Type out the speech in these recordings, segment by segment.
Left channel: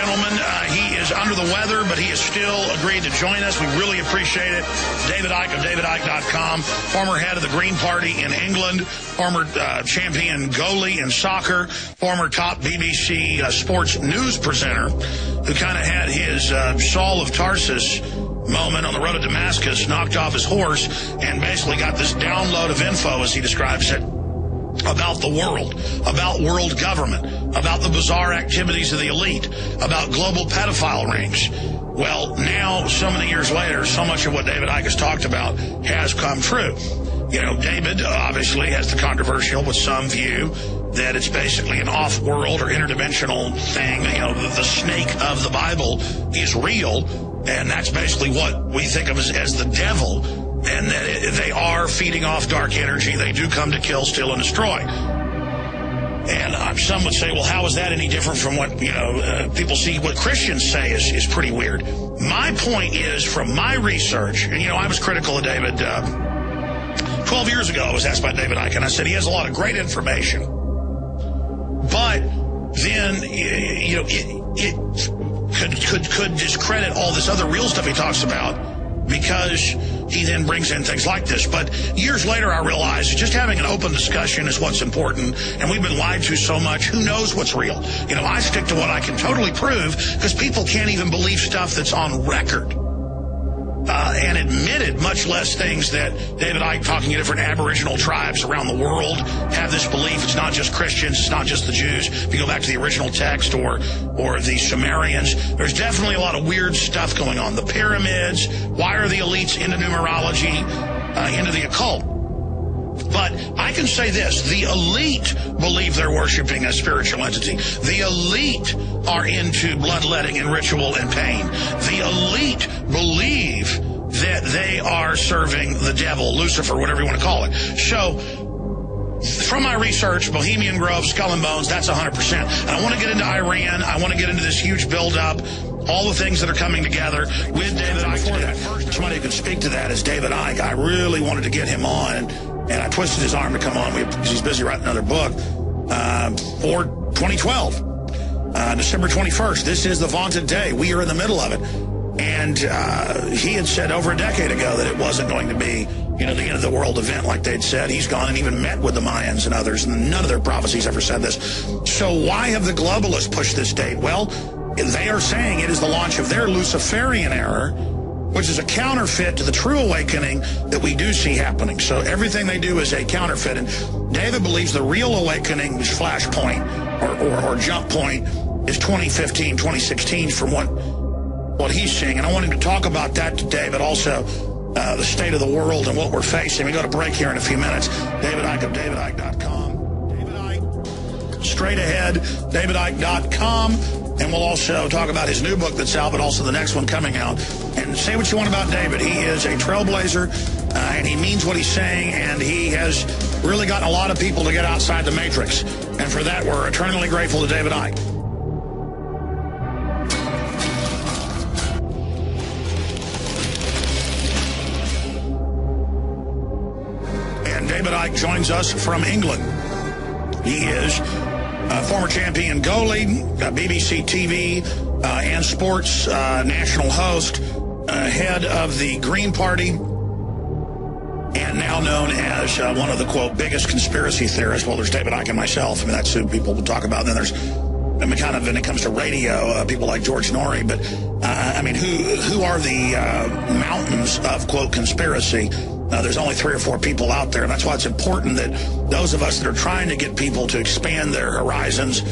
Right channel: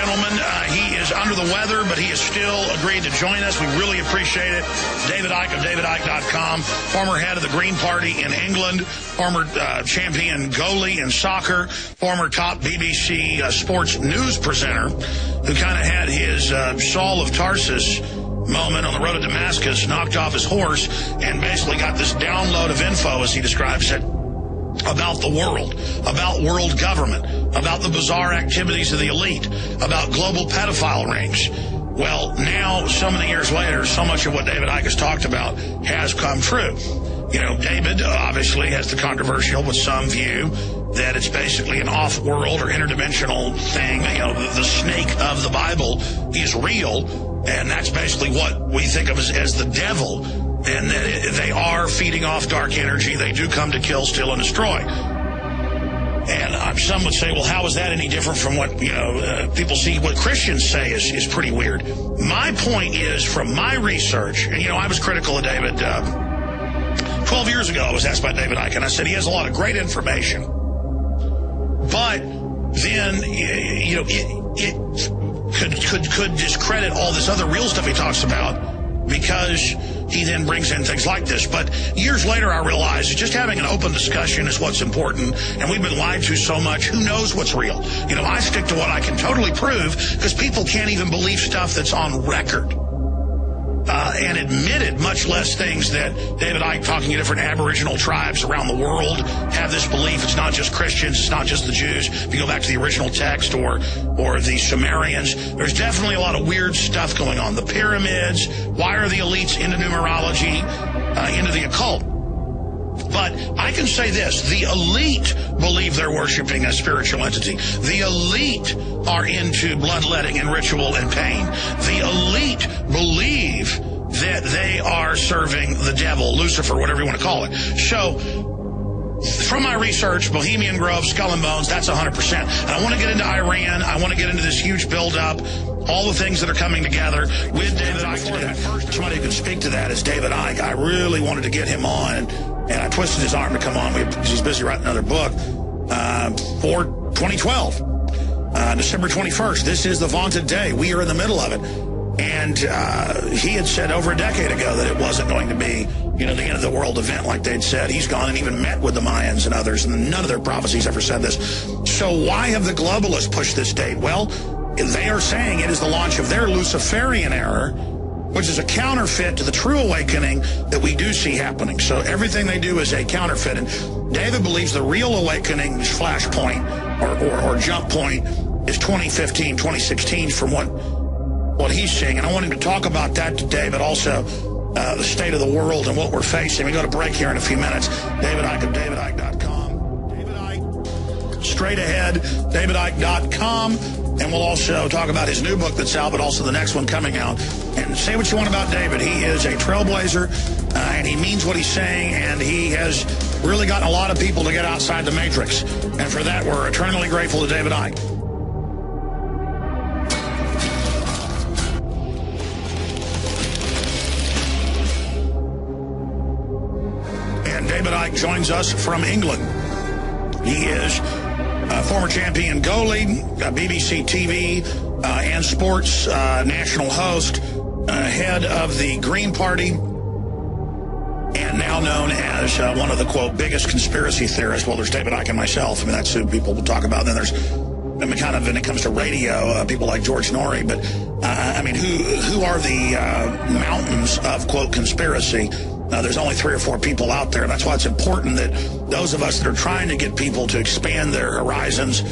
gentlemen. He is under the weather, but he has still agreed to join us. We really appreciate it. David Icke of DavidIcke.com, former head of the Green Party in England, former champion goalie in soccer, former top BBC sports news presenter, who kind of had his Saul of Tarsus moment on the road to Damascus, knocked off his horse, and basically got this download of info, as he describes it, about the world, about world government, about the bizarre activities of the elite, about global pedophile rings. Well, now, so many years later, so much of what David Icke has talked about has come true. You know, David obviously has the controversial, with some view, that it's basically an off-world or interdimensional thing. You know, the snake of the Bible is real, and that's basically what we think of as the devil. And that they are feeding off dark energy. They do come to kill, steal, and destroy. And some would say, well, how is that any different from what, people see, what Christians say is pretty weird. My point is, from my research, and, I was critical of David. 12 years ago, I was asked by David Icke, and I said he has a lot of great information. But then, it could discredit all this other real stuff he talks about, because he then brings in things like this. But years later, I realized just having an open discussion is what's important, and we've been lied to so much. Who knows what's real? I stick to what I can totally prove, because people can't even believe stuff that's on record and admitted, much less things that David Icke, talking to different Aboriginal tribes around the world, have this belief. It's not just Christians, it's not just the Jews. If you go back to the original text or the Sumerians, there's definitely a lot of weird stuff going on. The pyramids, why are the elites into numerology, into the occult? But I can say this, the elite believe they're worshiping a spiritual entity. The elite are into bloodletting and ritual and pain. The elite believe that they are serving the devil, Lucifer, whatever you want to call it. So, from my research, Bohemian Grove, Skull and Bones, that's 100%. And I want to get into Iran. I want to get into this huge buildup, all the things that are coming together with David Icke today. Somebody who can speak to that is David Icke. I really wanted to get him on, and I twisted his arm to come on because he's busy writing another book for 2012, December 21st. This is the vaunted day. We are in the middle of it. And he had said over a decade ago that it wasn't going to be, the end of the world event like they'd said. He's gone and even met with the Mayans and others, and none of their prophecies ever said this. So why have the globalists pushed this date? Well, they are saying it is the launch of their Luciferian era, which is a counterfeit to the true awakening that we do see happening. So everything they do is a counterfeit. And David believes the real awakening, flashpoint or jump point, is 2015, 2016 from what he's seeing. And I want him to talk about that today, but also the state of the world and what we're facing. We go to break here in a few minutes. David Icke of DavidIcke.com. David Icke, straight ahead, DavidIcke.com. And we'll also talk about his new book that's out, but also the next one coming out. And say what you want about David. He is a trailblazer, and he means what he's saying, and he has really gotten a lot of people to get outside the matrix. And for that, we're eternally grateful to David Icke. And David Icke joins us from England. He is former champion goalie, BBC TV and sports national host, head of the Green Party, and now known as one of the, quote, biggest conspiracy theorists. Well, there's David Icke and myself. I mean, that's who people will talk about. And then there's, kind of, when it comes to radio, people like George Norrie. But, who are the mountains of, quote, conspiracy? There's only 3 or 4 people out there, and that's why it's important that those of us that are trying to get people to expand their horizons,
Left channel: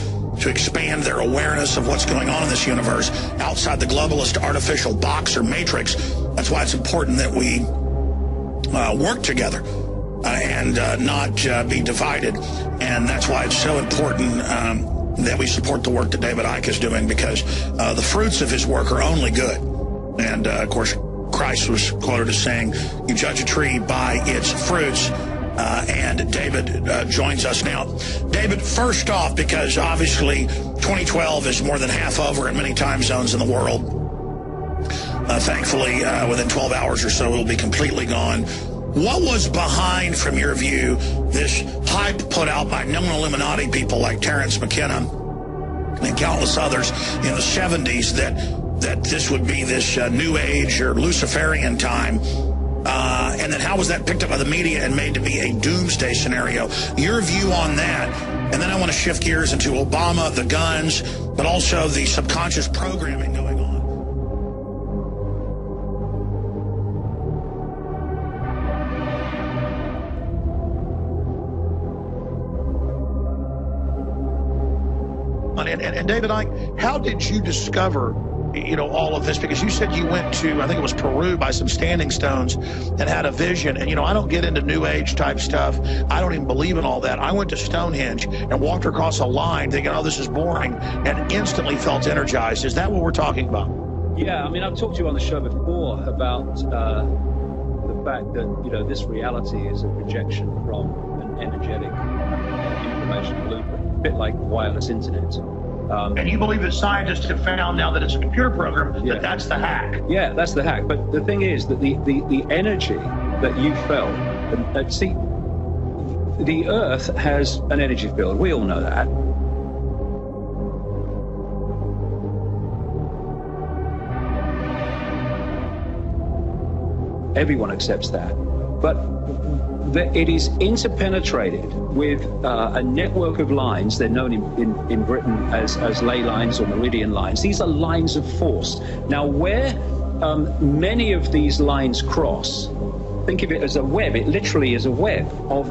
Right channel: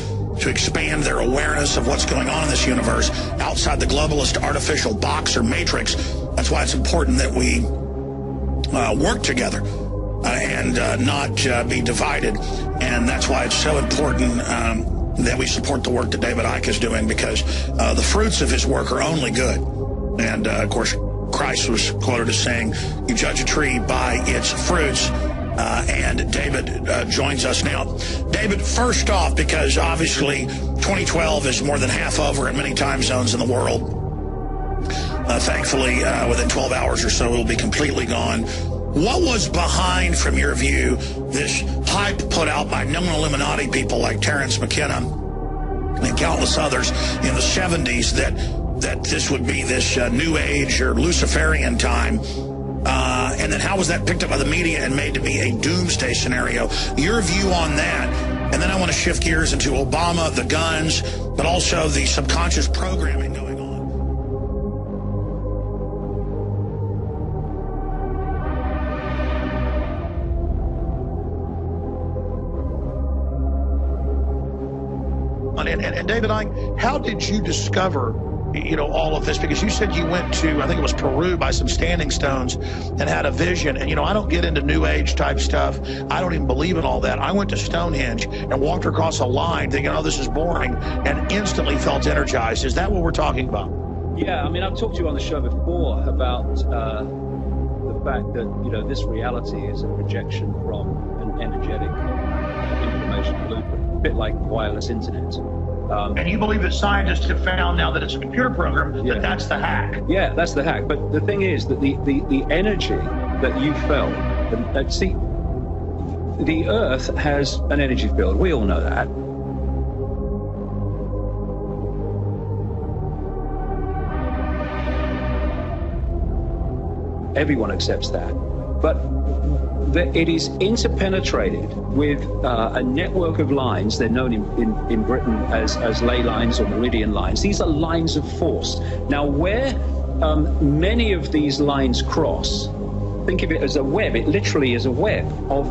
to expand their awareness of what's going on in this universe outside the globalist artificial box or matrix, that's why it's important that we work together and not be divided. And that's why it's so important that we support the work that David Icke is doing, because the fruits of his work are only good. And, of course, Christ was quoted as saying, you judge a tree by its fruits. And David joins us now. David, first off, because obviously 2012 is more than half over in many time zones in the world. Thankfully, within 12 hours or so, it'll be completely gone. What was behind, from your view, this hype put out by known Illuminati people like Terence McKenna and countless others in the 70s that this would be this New Age or Luciferian time. And then how was that picked up by the media and made to be a doomsday scenario? Your view on that. And then I want to shift gears into Obama, the guns, but also the subconscious programming going on. And David Icke, how did you discover, all of this? Because you said you went to, I think it was Peru, by some standing stones and had a vision. And, I don't get into New Age type stuff. I don't even believe in all that. I went to Stonehenge and walked across a line thinking, oh, this is boring, and instantly felt energized. Is that what we're talking about? Yeah, I mean, I've talked to you on the show before about the fact that, this reality is a projection from an energetic information blueprint, a bit like wireless internet. And you believe that scientists have found now that it's a computer program, that that's the hack? Yeah, that's the hack. But the thing is that the energy that you felt, see, the Earth has an energy field. We all know that. Everyone accepts that. But it is interpenetrated with a network of lines. They're known in Britain as ley lines or meridian lines. These are lines of force. Now, where many of these lines cross, think of it as a web. It literally is a web of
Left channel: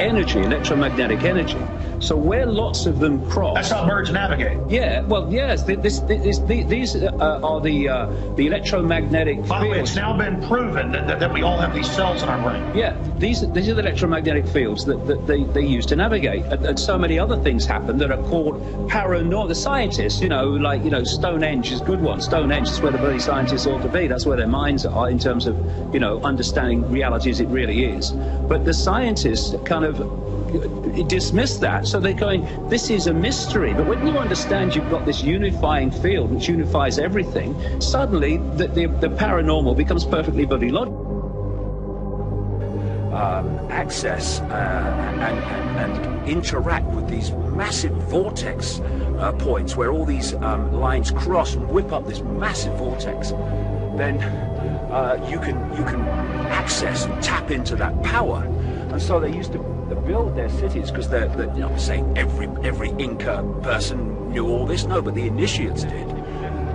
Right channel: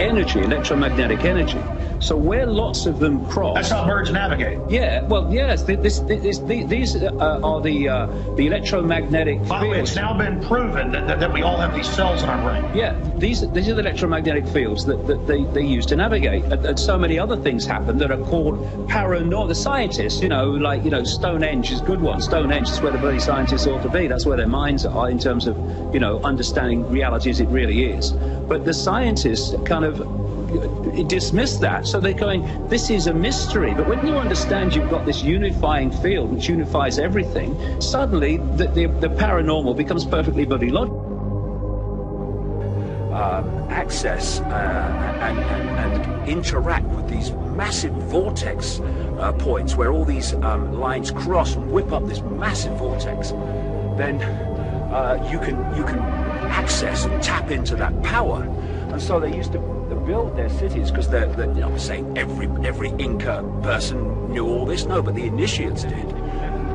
energy, electromagnetic energy. So where lots of them cross... That's how birds navigate. Yeah, well, yes, these are the electromagnetic fields. By the way, it's now been proven that we all have these cells in our brain. Yeah, these are the electromagnetic fields that they use to navigate. And so many other things happen that are called paranormal. The scientists, Stonehenge is a good one. Stonehenge is where the bloody scientists ought to be. That's where their minds are in terms of, understanding reality as it really is. But the scientists kind of dismiss that. So they're going, this is a mystery. But when you understand you've got this unifying field which unifies everything, suddenly the paranormal becomes perfectly bloody logical. Access and interact with these massive vortex points where all these lines cross and whip up this massive vortex, then you can access and tap into that power. And so they used to build their cities because say every Inca person knew all this. No, but the initiates did,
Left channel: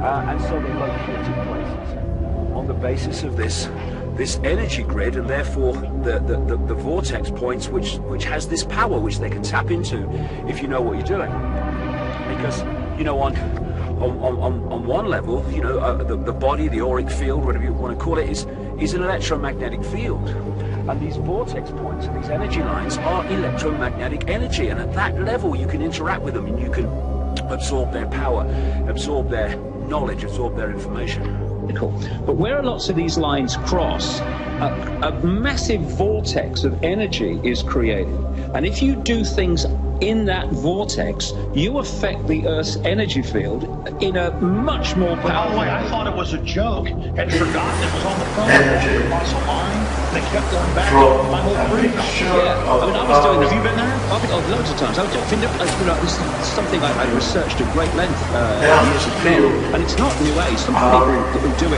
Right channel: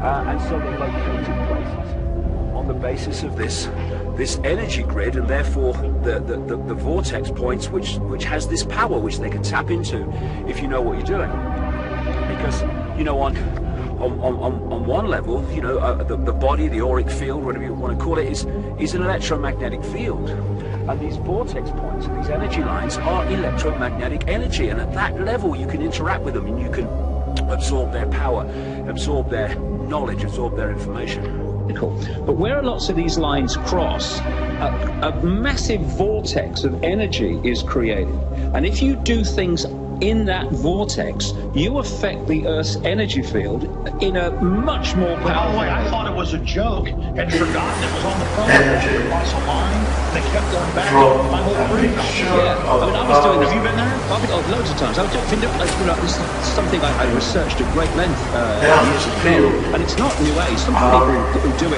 and so they located places on the basis of this energy grid, and therefore the vortex points which has this power which they can tap into if you know what you're doing. Because on one level, the body, the auric field, whatever you want to call it, is an electromagnetic field. And these vortex points and these energy lines are electromagnetic energy. And at that level, you can interact with them and you can absorb their power, absorb their knowledge, absorb their information. But where lots of these lines cross, a massive vortex of energy is created. And if you do things in that vortex, you affect the Earth's energy field in a much more powerful way. By the way, I thought it was a joke and forgotten it was on the phone. Across a line, and they kept going back. My whole brain. Yeah, I mean, I was doing this. Have you been there? I've been loads of times. I was doing, this is something I researched at great length years ago, and it's not New Age. Some people who do it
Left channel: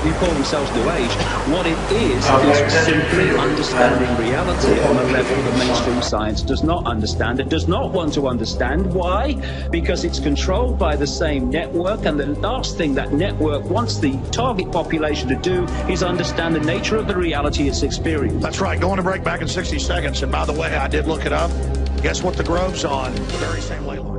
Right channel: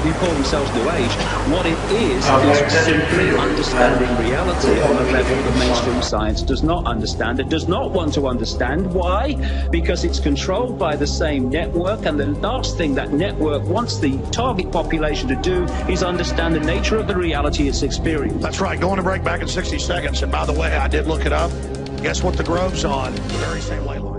who call themselves New Age. What it is simply understanding reality on a level that mainstream science does not understand. It does not want to understand. Why? Because it's controlled by the same network, and the last thing that network wants the target population to do is understand the nature of the reality it's experiencing. That's right. Going to break back in 60 seconds. And by the way, I did look it up. Guess what the Grove's on? The very same ley line.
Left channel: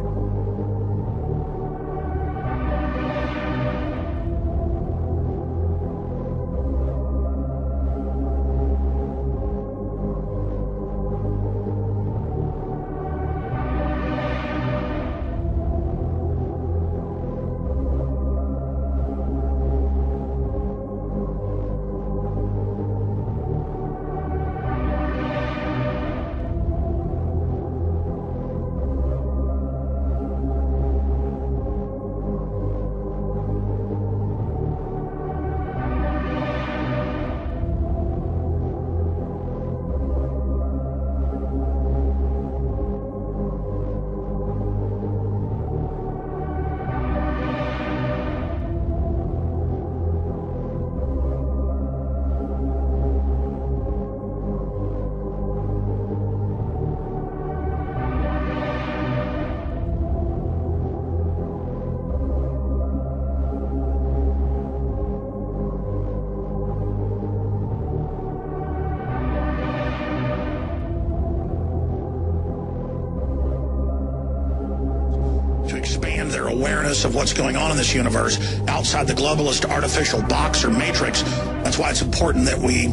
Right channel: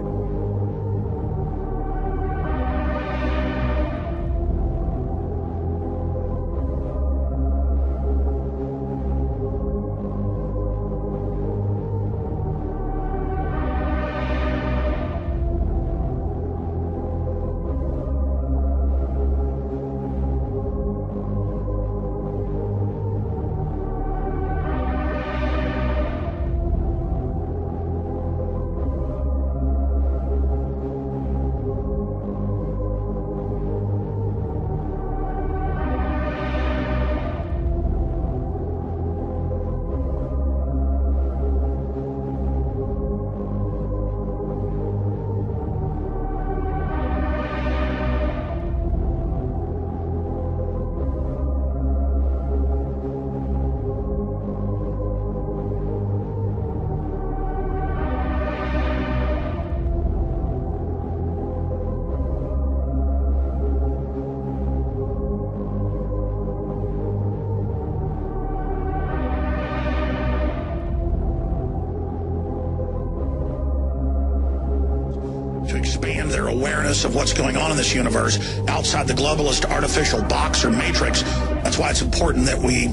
awareness of what's going on in this universe outside the globalist artificial box or matrix. That's why it's important that we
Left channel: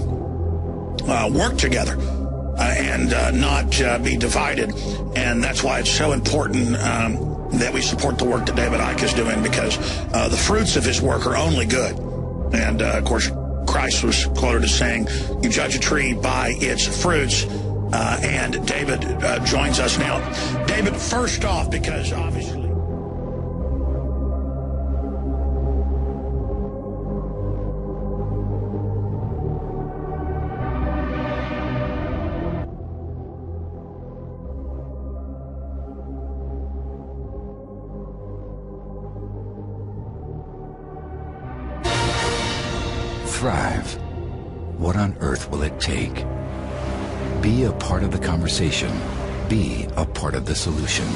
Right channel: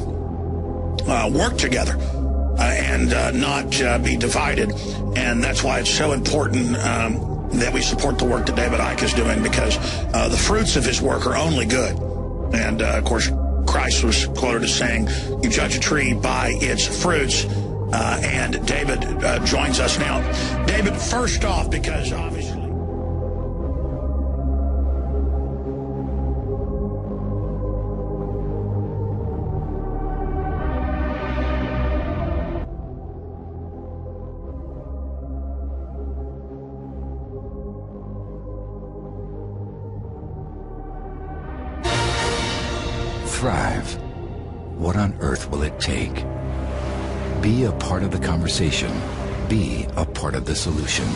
work together and not be divided. And that's why it's so important that we support the work that David Icke is doing, because the fruits of his work are only good. And, of course, Christ was quoted as saying, you judge a tree by its fruits. And David joins us now. David, first off, because obviously... Thrive. What on earth will it take? Be a part of the conversation. Be a part of the solution.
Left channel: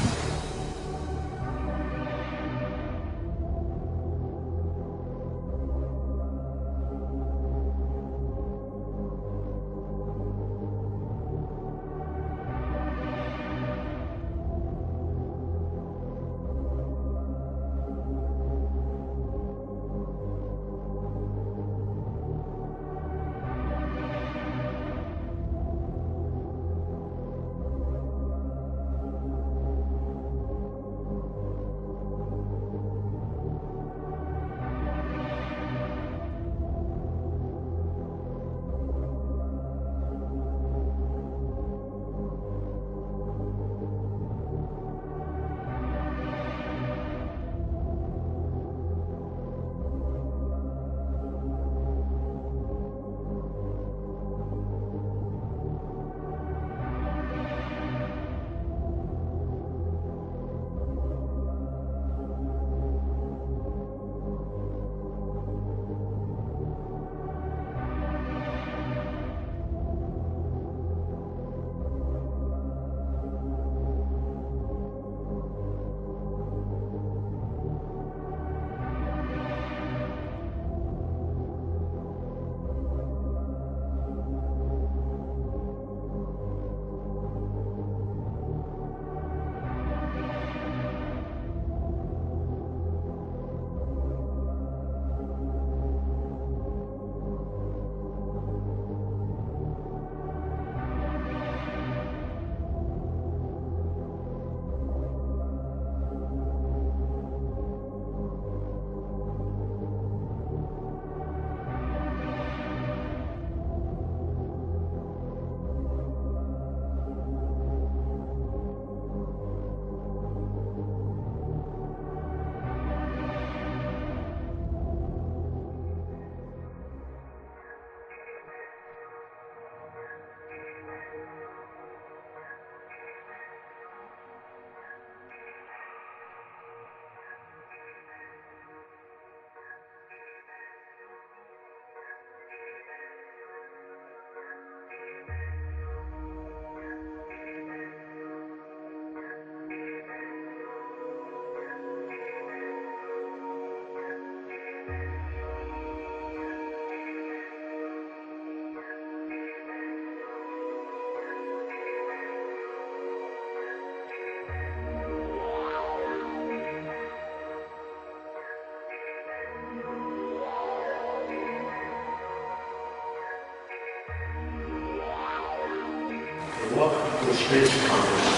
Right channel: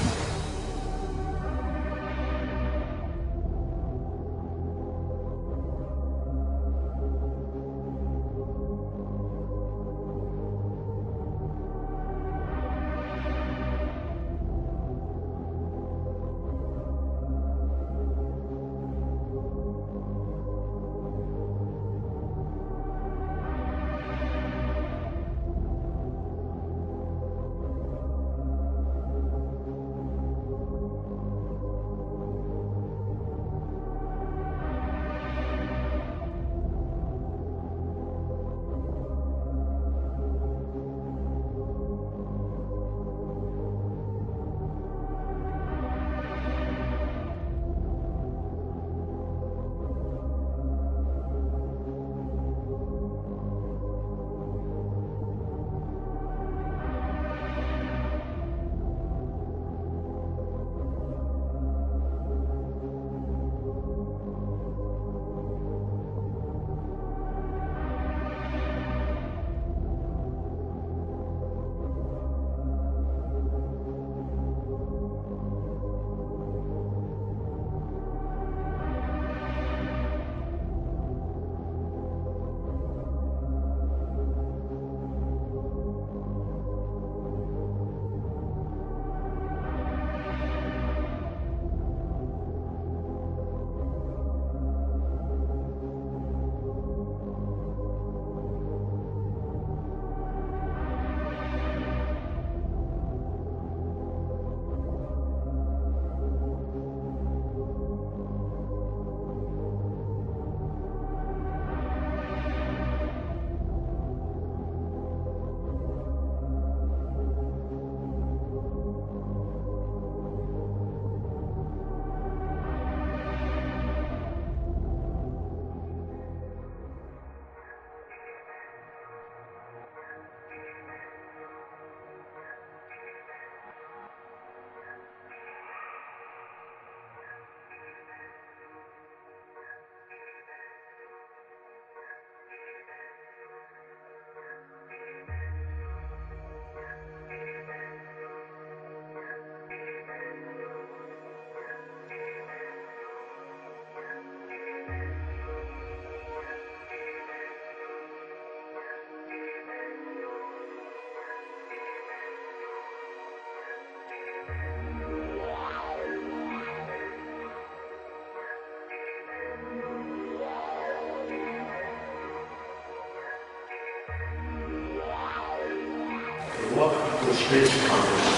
Welcome to the Space Congress,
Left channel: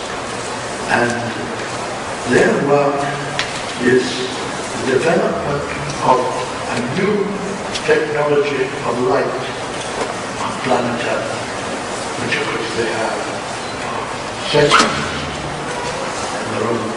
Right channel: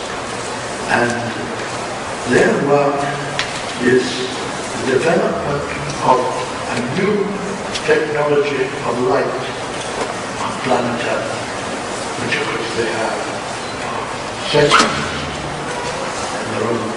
and their work is the development of a new technology of light on planet Earth, which of course they have sensors in their own